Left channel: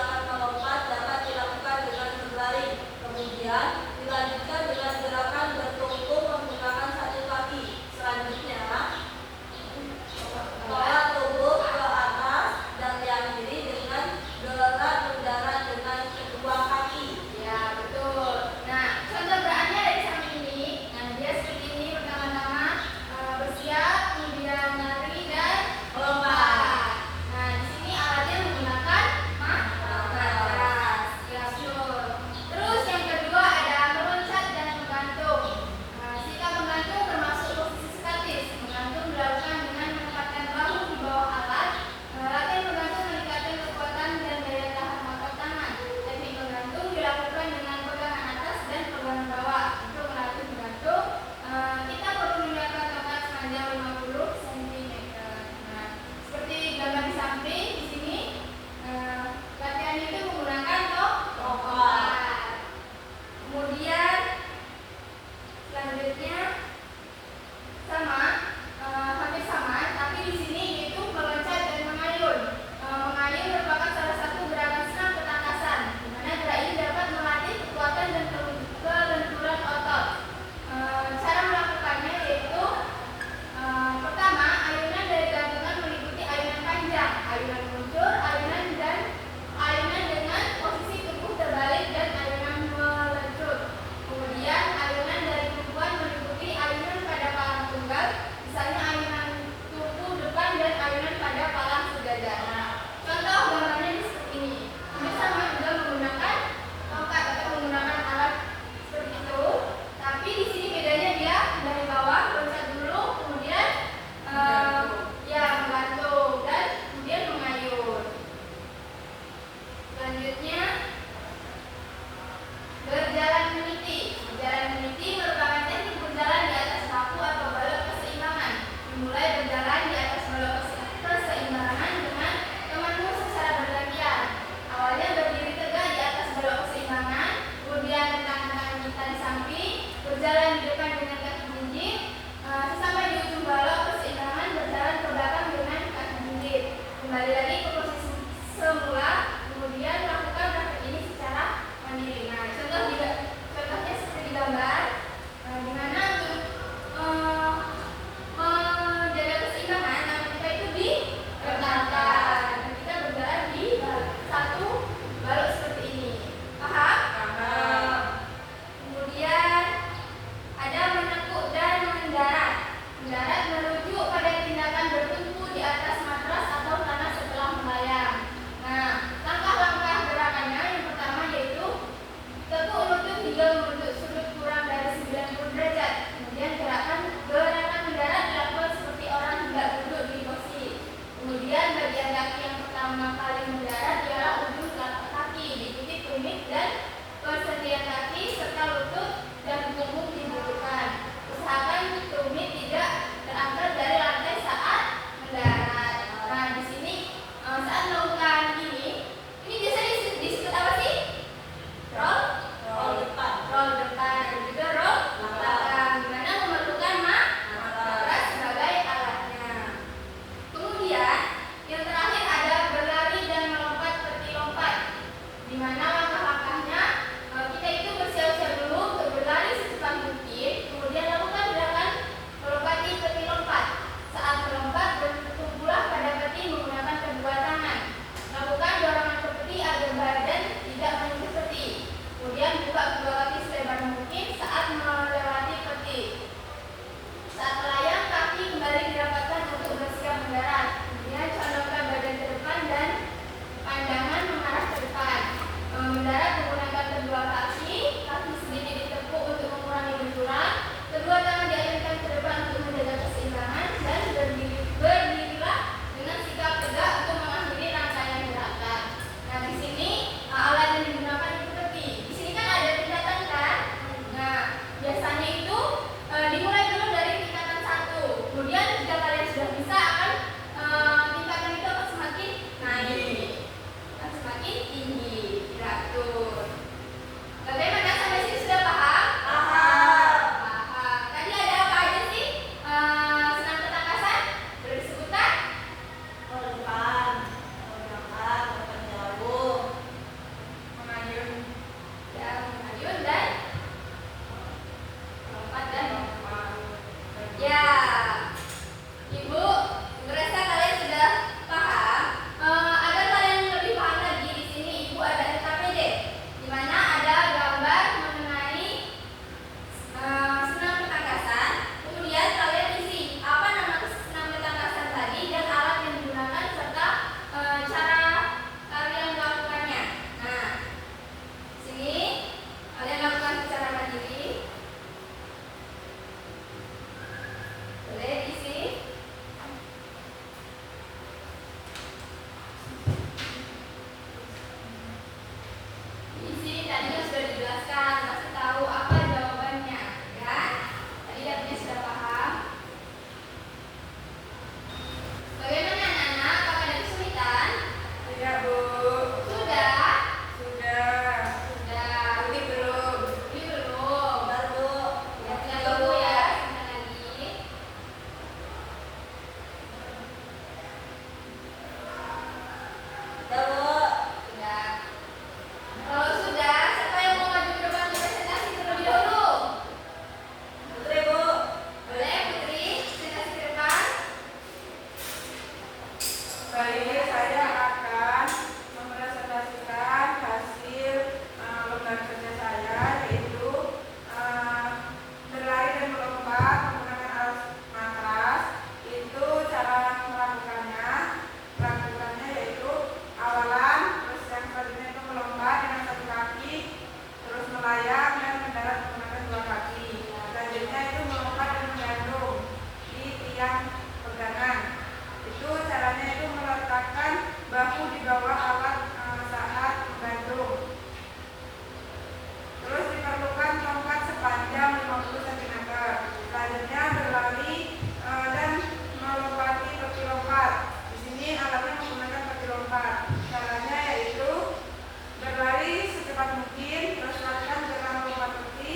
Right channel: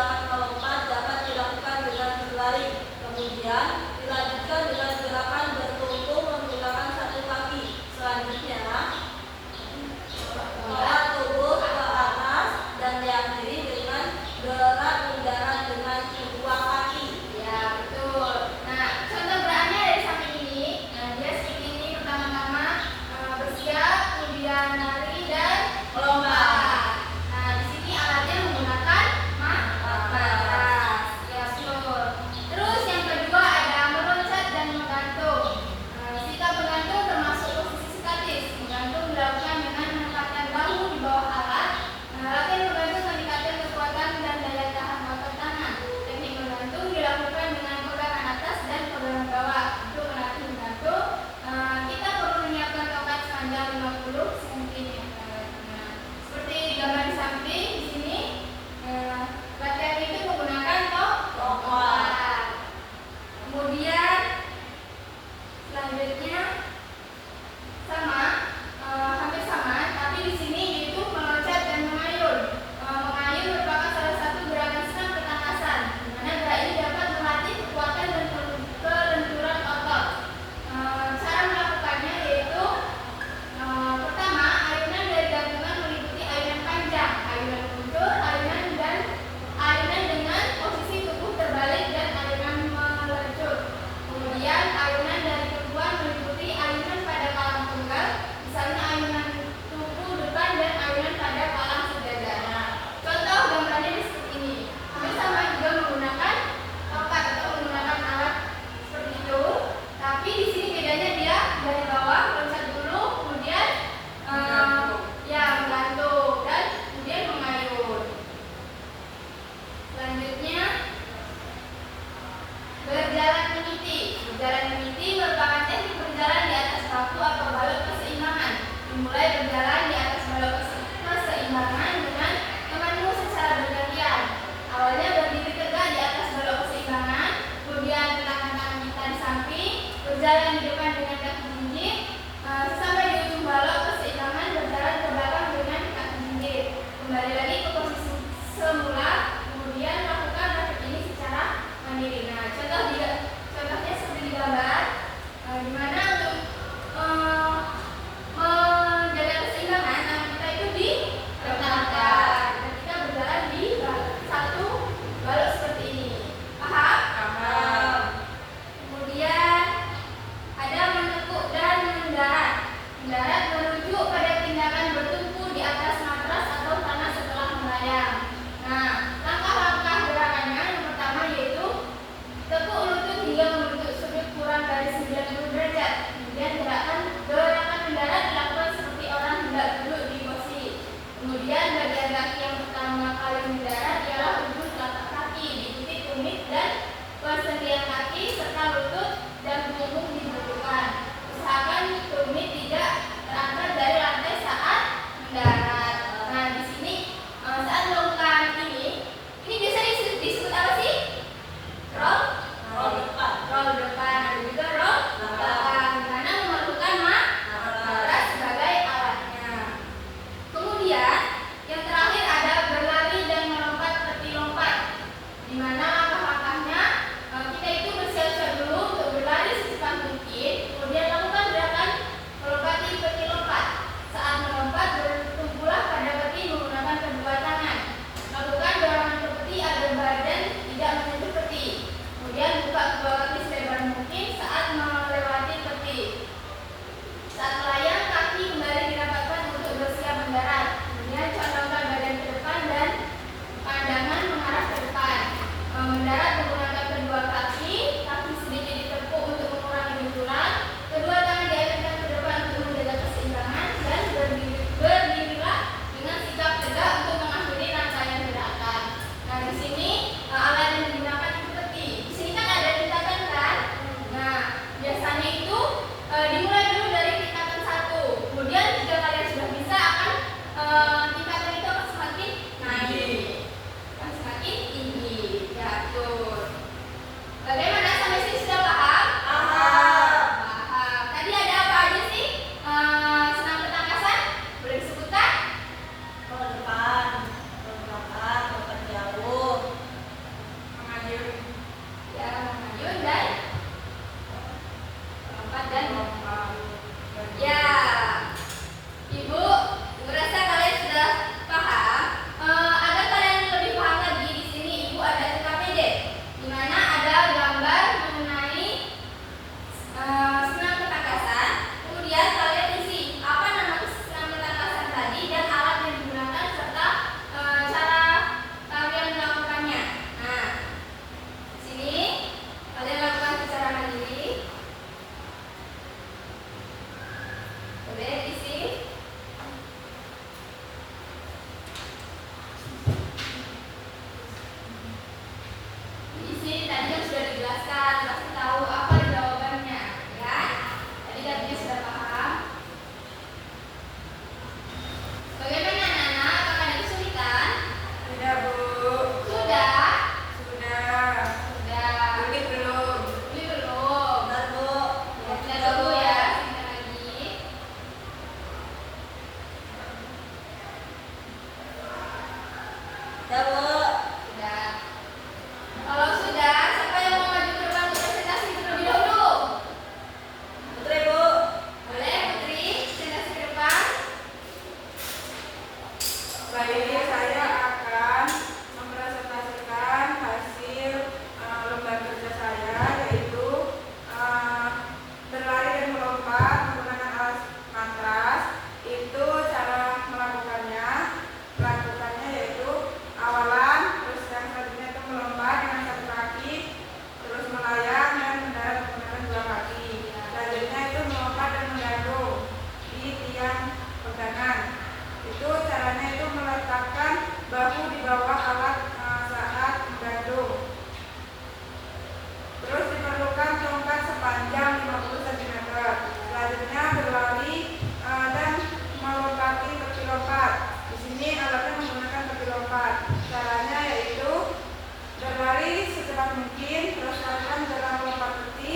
gerakan melompat dapat dilakukan dengan berlari. Kemudian dilanjutkan dengan gerakan bertumpuk menggunakan satu kaki. Selanjutnya, angkat tubuh ke atas dan diakhiri dengan dorongan udara dengan kedua kaki. Ya, betul. Nah, contoh gerakannya dari samping ini. Nah, dia seperti ini. Pertama-tama bersiap, kemudian lari dan melompat. Nah, di sini alatnya menggunakan matras. Ya, betul. Terus yang kedua ada meloncat dan menggantung. Sikap menggantung termasuk posisi statis. Menggantung dilakukan dengan menetapkan bahu di bawah alat. Latihan menggantung meningkatkan kekuatan dan daya tahan otot tangan jelaskan, kasih tahu apa jawabannya, ya. Tadi datanya sudah paham. Bagaimana anak-anak? Apakah ada kesulitan? Tidak, Bu. Sudah? Sudah. Sudah. Ini belum. Ini belum. Bentar, Bu. Lihat dulu ya, simpan lagi. Ya, Bu. Sudah. Kalau sudah, siapa yang mau maju ke depan untuk presentasi terlebih dahulu? Putri, Bu. Boleh, Putri, presentasi ke depan. Kali ini saya akan mempresentasikan hasil lomba kerja saya, yaitu berlari dan melompat menggunakan alat matras. Itu cara melakukannya yaitu awalan, terus yang selanjutnya itu melompat dengan satu kaki, terus melayang dan mendarat menggunakan dua kaki. Selanjutnya itu melompat dan menggantung di tiang pegangan. Itu caranya itu meletakkan bahu di bawah alat saat menggantung. Terus diperlukan tongkat sepanjang 50 cm. Selanjutnya berlari dan melompati peti lompat. Di sini alatnya menggunakan peti lompat. Caranya yaitu berlari secepat mungkin, terus lakukan dalam melompat peti.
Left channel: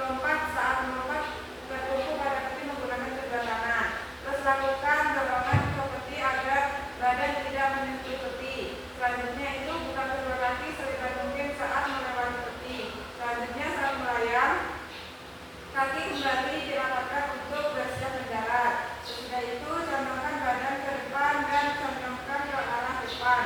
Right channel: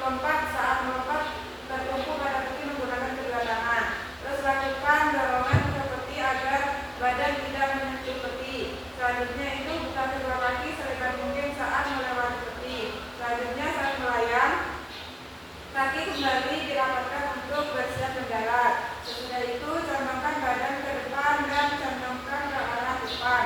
Lompat saat melompat tertumpu pada peti menggunakan kedua tangan. Terus lakukan dorongan ke peti agar badan tidak menyentuh peti. Selanjutnya itu buka kedua kaki selebar mungkin saat melewati peti. Selanjutnya saat melayang, kaki kembali dirapatkan untuk bersiap mendarat. Sesudah itu condongkan badan ke depan dan condongkan ke arah depan.